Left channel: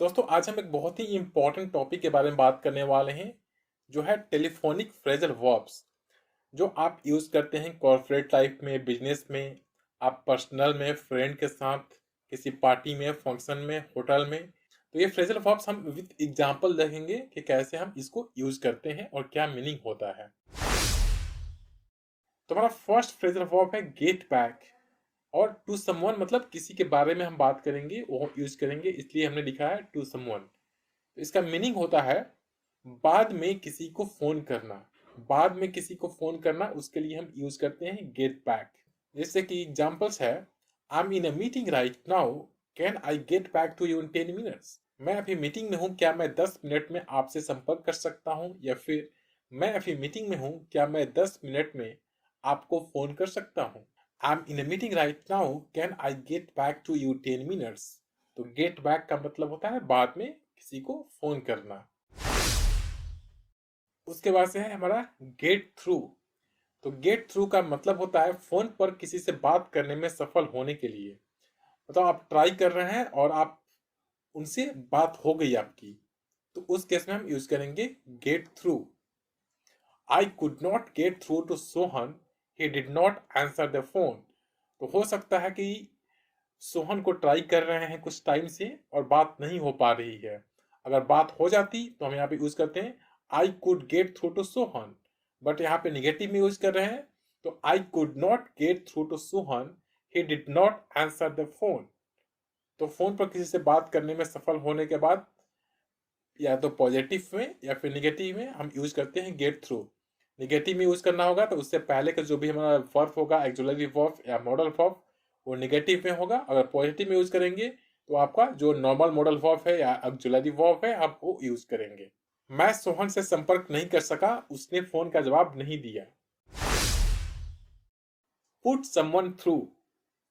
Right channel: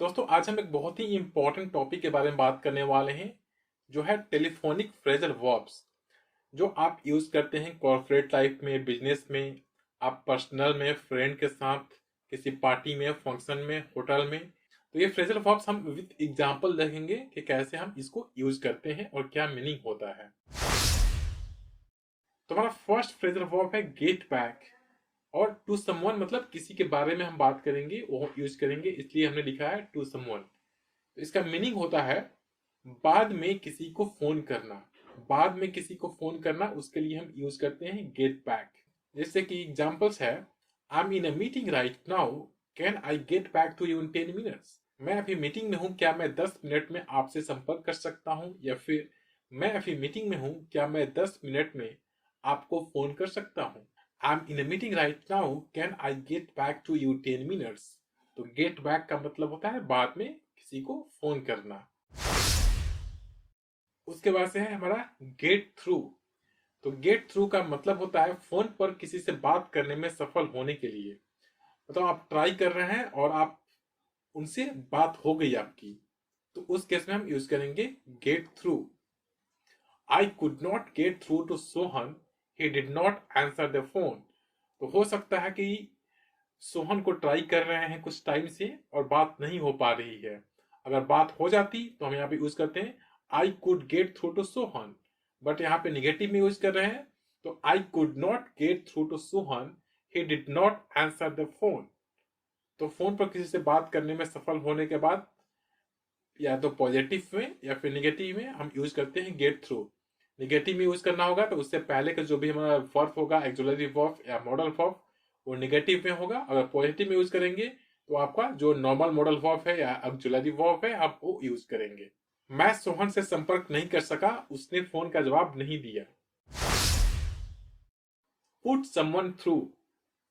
दोस्तों आज हम एक बहुत ही इम्पोर्टेंट टॉपिक के बारे में बात करने वाले हैं जो है टेलीफोनिक फ्रेजल वर्ब्स जो आप यूज़ करते हैं कॉर्पोरेट लाइफ में, बिजनेस में, आप पर्सनल में, फ्रेंड के साथ, किसी पार्टी में, फंक्शन में, होटल में। तो ये फ्रेजल वर्ब्स हम विद एग्जांपल देखेंगे कि कैसे हम इसको यूज़ करते हैं और क्या मीनिंग होता है। तो हमारा फर्स्ट फ्रेजल वर्ब है गेट बैक। और टू समवन मतलब किसी के बारे में हम बात करेंगे, वो यूज करेंगे, इसलिए हमने लिखा है टू समवन। तो इसका मीनिंग होता है बाद में किसी को फोन करना। बाद में किसी को फोन करना, उसके लिए हम यूज करते हैं गेट बैक। जैसे कि एग्जांपल्स है, I am in a meeting right now, can I get back to you in 10 minutes. मैं अभी मीटिंग में हूँ, क्या मैं 10 मिनट में आपसे संपर्क कर सकता हूँ। या फिर मैं अभी मीटिंग में हूँ, क्या मैं 10 मिनट में आपको फोन कर सकता हूँ। I am in a meeting right now, can I get back to you 10 minutes. तो गेट बैक का मतलब होता है बाद में किसी को फोन करना। उसके बाद से है हमारा गेट थ्रू। तो गेट थ्रू का मतलब होता है फोन पर किसी से बात करने में सफल होने के लिए। मतलब आप ट्राई कर रहे हैं और आप उनसे बात हो गई आपकी, तो उस केस में हम यूज करेंगे get through. I could not get through to Sohan, he did not answer the phone. तो हो सकता है कि सोहन को ट्राई कर रहे हैं कुछ टाइम से और बात नहीं हो पा रही है। अगर बात हो जाती तो हम यहाँ पे यूज करते हैं I could get through to Sohan. But यहाँ पे निगेटिव में यूज कर रहे हैं, तो I could not get through to Sohan, he did not answer the phone. तो फोन पर किसी से बात करने में सफल होने के बाद या तो पॉजिटिव में या फिर निगेटिव में हम यूज करते हैं गेट थ्रू। निगेटिव में यूज करना होगा तो उससे पहले का जो भी हमारा वर्ब होगा, एक्सुलरी वर्ब या मॉडल वर्ब, वो निगेटिव में होगा। अगर पॉजिटिव में यूज करेंगे तो आपका जो नॉर्मल मॉडल वर्ब है या एक्सुलरी वर्ब है आप वो यूज करेंगे। मैं सोहन से संपर्क नहीं कर सका, उसने फोन का जवाब नहीं दिया। Put someone through.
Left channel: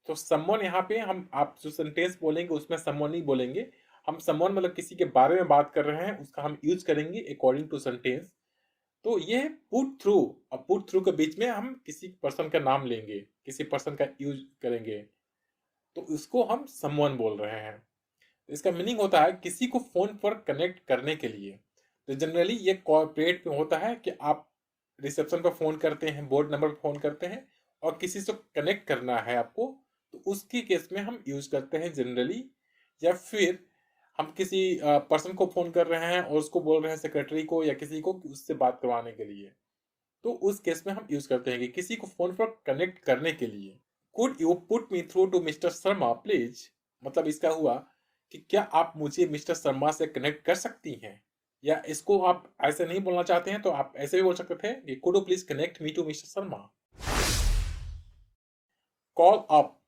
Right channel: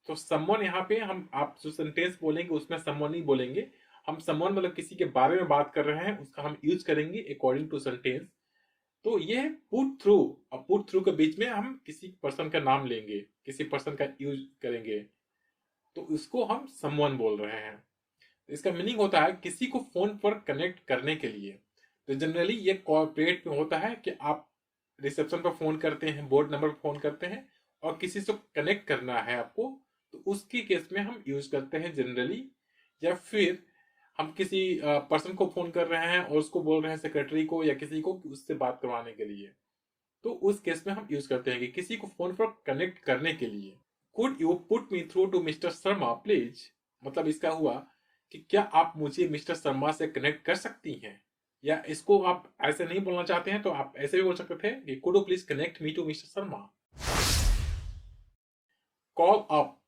तो समवन यहाँ पे हम आप जो सेंटेंस बोलेंगे उसमें समवन नहीं बोलेंगे। हम समवन मतलब किसी के बारे में बात कर रहे हैं, उसका हम यूज करेंगे अकॉर्डिंग टू सेंटेंस। तो ये पुट थ्रू। अब पुट थ्रू के बीच में हम किसी पर्सन का नाम लेंगे, किसी पर्सन का यूज करेंगे, तो इसको हम समवन बोल रहे हैं। तो इसका मीनिंग होता है किसी को फोन पर कनेक्ट करने के लिए। तो जनरली ये कॉर्पोरेट में होता है कि आप रिसेप्शन पर फोन करते हैं, बोर्ड नंबर पर फोन करते हैं और किसी से कनेक्ट करना है आपको, तो उसकी केस में हम यूज करते हैं जनरली। या फिर हम किसी पर्सन को फोन कर रहे हैं और उसको बोल रहे हैं सेक्रेटरी को या किसी को कि उससे बात करवाने के लिए, तो उस केस में हम यूज करते हैं कि किसी को फोन पर कनेक्ट करने के लिए। Could you put me through to mister Sharma please. मतलब इसका हुआ कि क्या आप मुझे मिस्टर शर्मा से कनेक्ट कर सकती हैं। या इसको आप ऐसे नहीं बोलना चाहते हैं तो आप ऐसे भी बोल सकते थे कि could you please connect me to mister Sharma. Call up.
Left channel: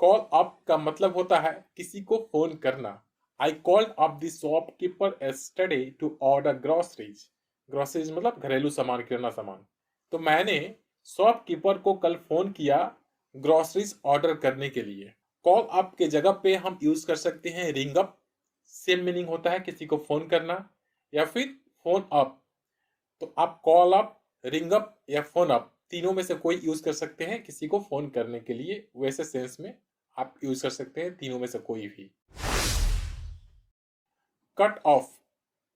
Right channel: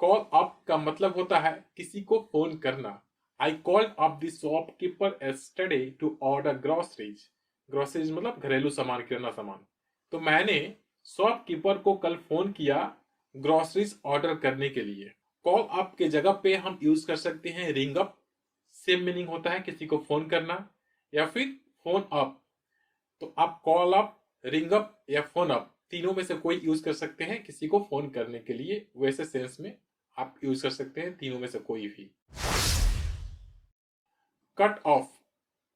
Call up का मतलब होता है किसी को फोन करना। I called up the shopkeeper yesterday to order groceries. Groceries मतलब घरेलू सामान, किराना सामान। तो मैंने शॉपकीपर को कल फोन किया ग्रोसरीज ऑर्डर करने के लिए। कॉल अप के जगह पे हम यूज कर सकते हैं रिंग अप। सेम मीनिंग होता है किसी को फोन करना। या फिर फोन अप। तो आप कॉल अप, रिंग अप या फोन अप तीनों में से कोई यूज कर सकते हैं किसी को फोन करने के लिए। वैसे सेंस में आप यूज कर सकते हैं तीनों में से कोई भी। कट ऑफ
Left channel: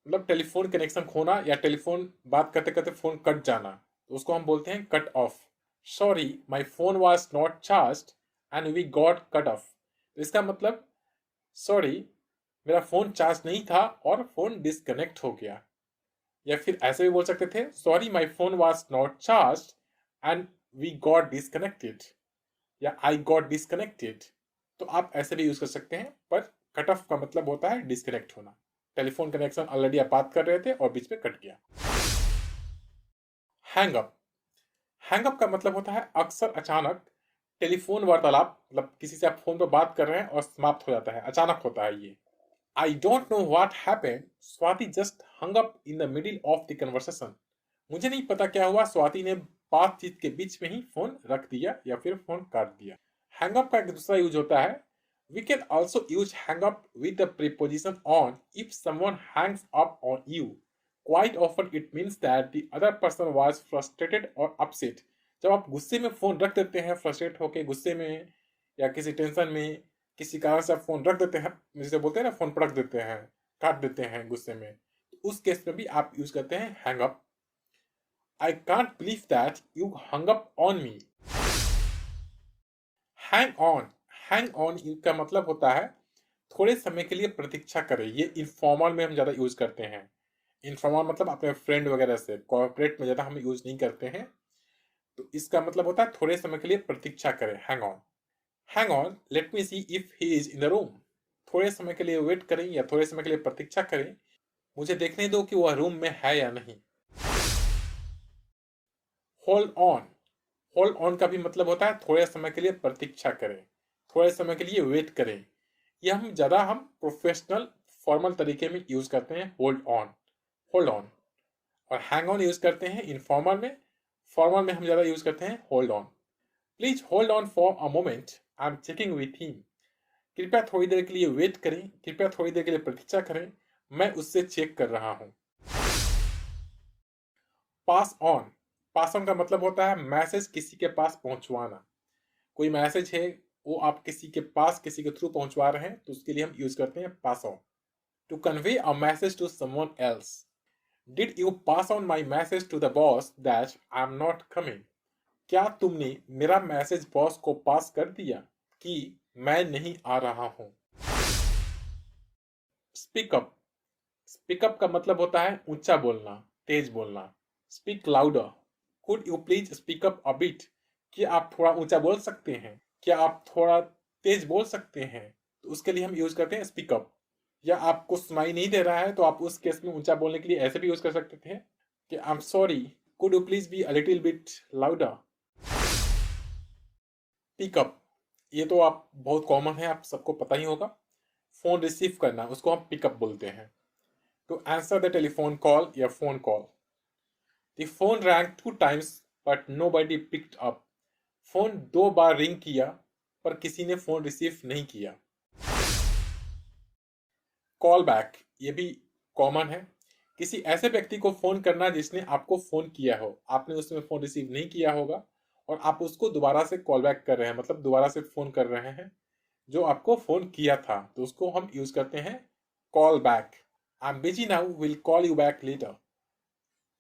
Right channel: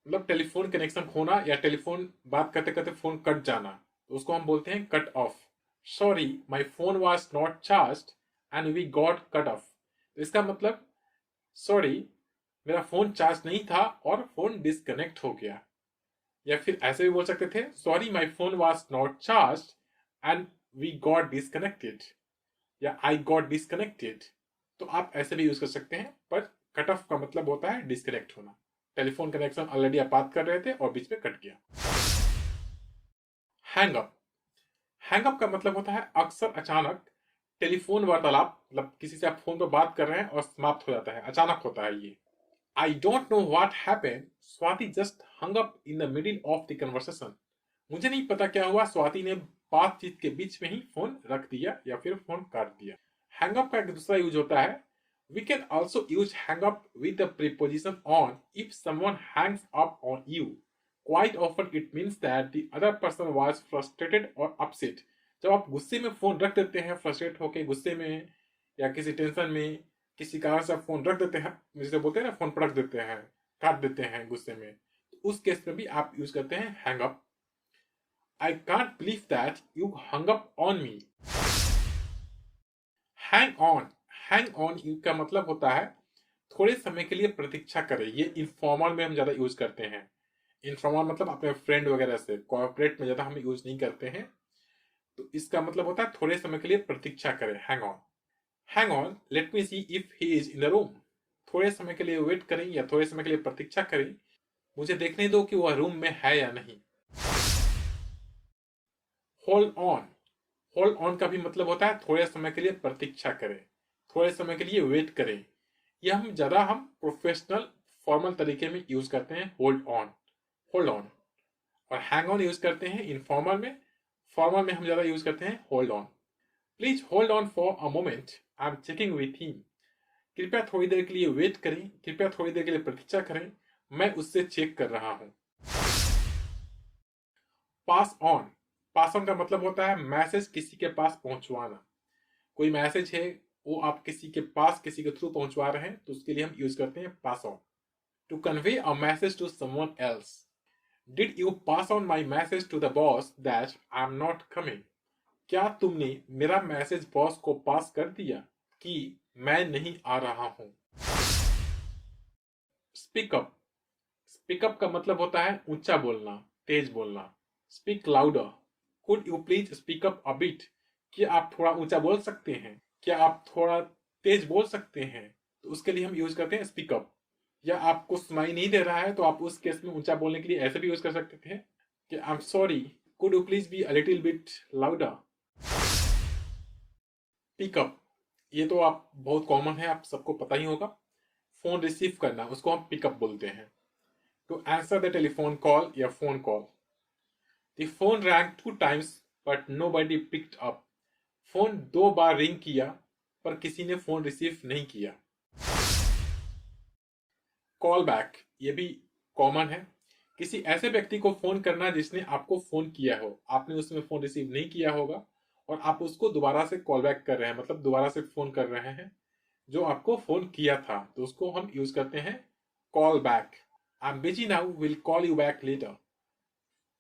मतलब टेलीफोन कनेक्शन खोना या टेलीफोन बात करते करते फोन कट जाना, तो उसको हम बोलते हैं cut off. Sorry my phone was not charge and we got cut off. इसका मतलब सॉरी मेरा फोन चार्ज नहीं था और फोन डिस्कनेक्ट हो गया। या फिर ऐसे भी बोल सकते थे sorry my phone was not charge and we got disconnected या आई गॉट डिस्कनेक्टेड। तो आप ऐसे भी यूज कर सकते हैं, पर कट ऑफ का मतलब होता है डिस्कनेक्ट होना। टेलीफोन कनेक्शन ऑलरेडी आप बात कर रहे थे और बीच में कट गया। Hang up. हैंग अप का मतलब होता है अक्सर अचानक टेलीफोन वार्तालाप, मतलब किसी से आप फोन पर बात कर रहे हैं और समाप्त हो जाता है, अचानक होता है ये। I don't know what happened, Swati just hung up in the middle of the conversation. मुझे नहीं पता क्या हुआ, स्वाति ने बातचीत के बीच में ही फोन रख दिया या फिर फोन काट दिया। हैंग अप का एक दूसरा यूज होता है, we can also use hang up with the preposition on if someone hangs up on you. Quite often it means that the other person was frustrated or upset. जब आप गुस्से में phone रख देते हैं, फ्रस्ट्रेट होके गुस्से में या किसी टेंशन में, किसी कारण से आप फोन रख देते हैं, जैसे बोलते हैं ना फोन पर रख देते हैं, काट देते हैं गुस्से में, तो उस केस में भी आप यूज करते हैं hang up. I can't believe that you hung up on me. Hang on, hang on का मतलब होता है थोड़े समय के लिए प्रतीक्षा करें। ये इनफॉर्मल में हम ज्यादा यूज करते हैं। इनफॉर्मल मतलब अपने फ्रेंड वगैरह से, कॉर्पोरेट में ज्यादा हम यूज नहीं करते हैं। तो इसका मतलब होता है थोड़े समय के लिए प्रतीक्षा करें, hang on. Hang on, let me see if he is in the room. थोड़े समय के लिए वेट करें या थोड़े समय के लिए प्रतीक्षा करें, मुझे देखने दो कि वह रूम में है या नहीं। होल्ड ऑन, होल्ड ऑन का भी मतलब होता है थोड़े समय के लिए प्रतीक्षा करें, थोड़े समय के लिए वेट करें। यह हम प्रोफेशनल फॉर्मल तरीके में यूज करते हैं, होल्ड ऑन, होल्ड ऑन। और हैंग ऑन यूज करते हैं इनफॉर्मल में, फॉर्मल में हम ज्यादा यूज करते हैं hold on. Please hold on for a moment, I am checking with him. कृपया थोड़ी देर के लिए वेट करें, कृपया थोड़ी देर के लिए प्रतीक्षा करें, मैं उससे चेक कर रहा हूं। पास ऑन, पास ऑन का मतलब होता है मैसेज किसी के पास पहुंचवाना। कोई मैसेज है, वो आप किसी के पास किसी के थ्रू पहुंचवा रहे हैं, तो उसके लिए हम यूज करते हैं pass on. To convey a message to someone else. Did you pass on my message to the boss that I am not coming. क्या तुमने मेरा मैसेज बॉस को पास कर दिया कि मैं नहीं आ रहा हूं। स्पीकअप, स्पीकअप का मतलब होता है ऊंचा बोलना, तेज बोलना। Speak louder, could you please speak up a bit. क्या आप थोड़ा ऊंचा बोल सकते हैं, क्या आप थोड़ा तेज बोल सकते हैं, तो उसके लिए हम यूज करते हैं स्पीकअप। या आपको सुनाई नहीं दे रहा है तो आप उस केस में ऊंचा बोलने के लिए ऐसे भी यूज कर सकते थे कि I am sorry, could you please be a little bit louder. Pickup, ये तो आप बहुत कॉमन है, आप सबको पता ही होगा। फोन रिसीव करना, उसको हम पिकअप बोलते हैं। To answer the telephone call या phone call. The phone rang 2 times but nobody picked up. फोन 2 बार रिंग किया पर किसी ने फोन रिसीव नहीं किया। कॉल बैक, ये भी कॉमन है। किसी ऐसे व्यक्ति को फोन करना जिसने आपको फोन किया हो, आपने उसमें फोन रिसीव नहीं किया होगा और आप उसको दोबारा से कॉल बैक कर रहे हैं, मतलब दोबारा से फोन कर रहे हैं जो आपको फोन किया था, तो उसको हम यूज करते हैं call back. I am busy now, will call you back later.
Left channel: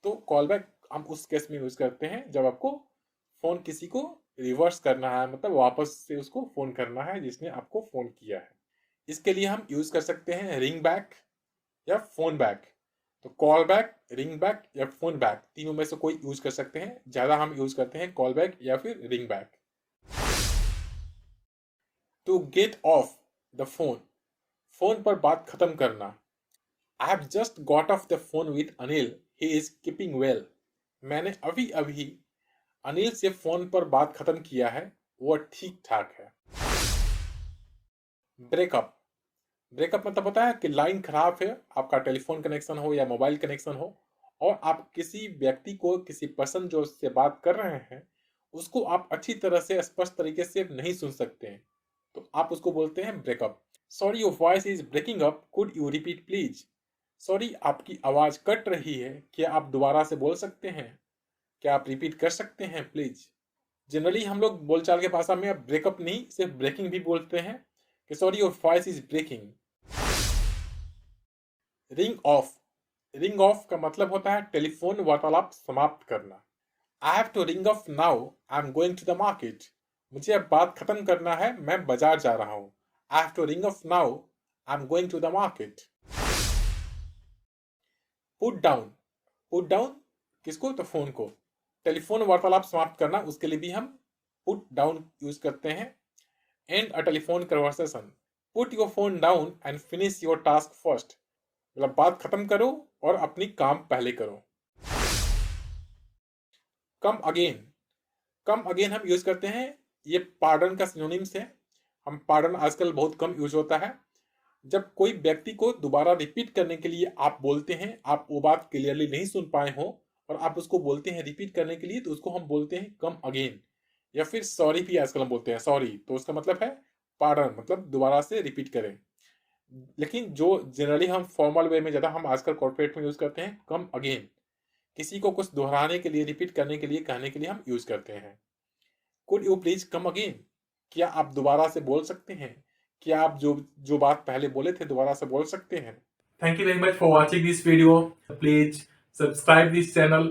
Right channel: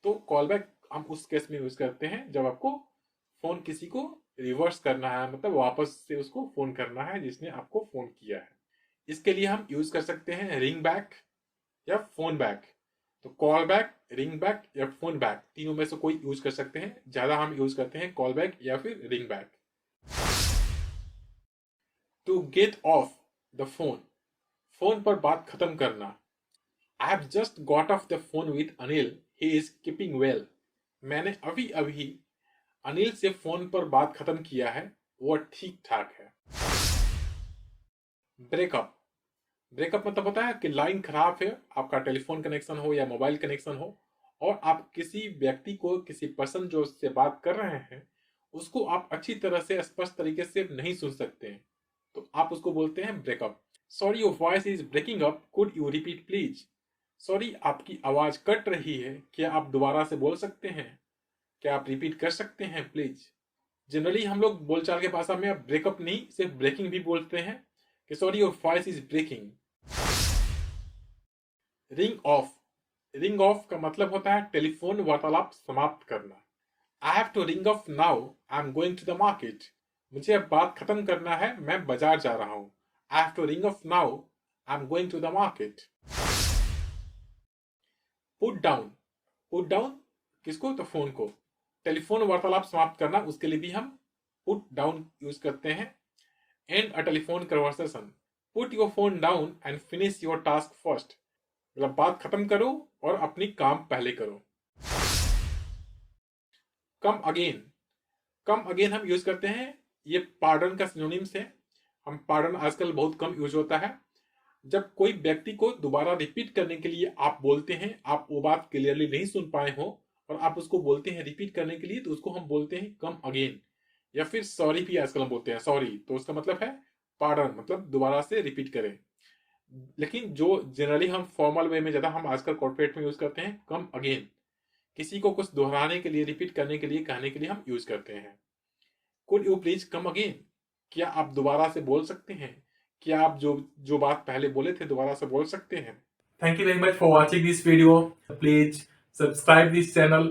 तो कॉल बैक हम उस केस में यूज करते हैं जब आपको फोन किसी को रिवर्स करना है, मतलब वापस से उसको फोन करना है जिसने आपको फोन किया है। इसके लिए हम यूज कर सकते हैं रिंग बैक या फोन बैक। तो कॉल बैक, रिंग बैक या फोन बैक, तीनों में से कोई यूज कर सकते हैं। ज्यादा हम यूज करते हैं कॉल बैक या फिर ring back. To get off the phone, phone पर बात खत्म करना। I have just got off the phone with Anil, he is keeping well. मैंने अभी अभी अनिल से फोन पर बात खत्म किया है, वो ठीक ठाक है। ब्रेकअप, ब्रेकअप मतलब होता है कि लाइन खराब है, आपका टेलीफोन कनेक्शन हो या मोबाइल कनेक्शन हो, और आप किसी व्यक्ति को, किसी पर्सन जो उससे बात कर रहे हैं, उसको आप अच्छी तरह से स्पष्ट तरीके से नहीं सुन सकते हैं, तो आप उसको बोलते हैं break up. Sorry your voice is breaking up, could you repeat please. Sorry, आपकी आवाज कट रही है, क्या आप दोबारा से बोल सकते हैं, क्या आप रिपीट कर सकते हैं प्लीज। जनरली हम लोग बोलचाल के भाषा में ब्रेकअप नहीं, सिर्फ ब्रेकिंग भी बोलते हैं कि sorry your voice is breaking. Ring off, ring off का मतलब होता है टेलीफोन वार्तालाप समाप्त करना। I have to ring off now, I am going to the market. मुझे अब बात खत्म करना है, मैं बाजार जा रहा हूँ। I have to ring off now, I am going to the market. Put down, put down किसको, तो फोन को। टेलीफोन वार्तालाप समाप्त करना, उसके लिए भी हम पुट डाउन यूज करते हैं। And a telephone conversation, put your phone down and finish your task first. मतलब बात खत्म करो और अपनी काम पहले करो। कम अगेन, कम अगेन हम यूज करते हैं, ये पार्डन का सिनोनिम्स है। हम पार्डन आजकल बहुत कम यूज होता है। जब कोई व्यक्ति को दोबारा रिपीट करने के लिए आप बोलते हैं, आप वो बात क्लियरली नहीं सुन पाए हो और आप उसको बोलते हैं रिपीट करने के लिए, तो उसको हम बोलते हैं कम अगेन। या फिर सॉरी भी आजकल हम बोलते हैं, सॉरी, तो उसका मतलब है पार्डन, मतलब दोबारा से रिपीट करें। लेकिन जो जनरली हम फॉर्मल वे में ज्यादा हम आजकल कॉर्पोरेट में यूज करते हैं कम अगेन, किसी को कुछ दोहराने के लिए, रिपीट करने के लिए, कहने के लिए हम यूज करते हैं। Could you please come again, क्या आप दोबारा से बोल सकते हैं, क्या आप जो जो बात पहले बोले थे दोबारा से बोल सकते हैं? Thank you very much for watching this video. Please subscribe this channel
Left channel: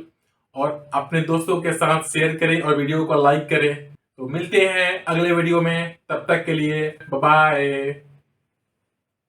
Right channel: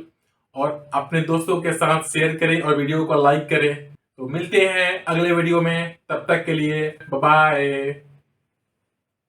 और अपने दोस्तों के साथ शेयर करें और वीडियो को लाइक करें। तो मिलते हैं अगले वीडियो में, तब तक के लिए बाय बाय।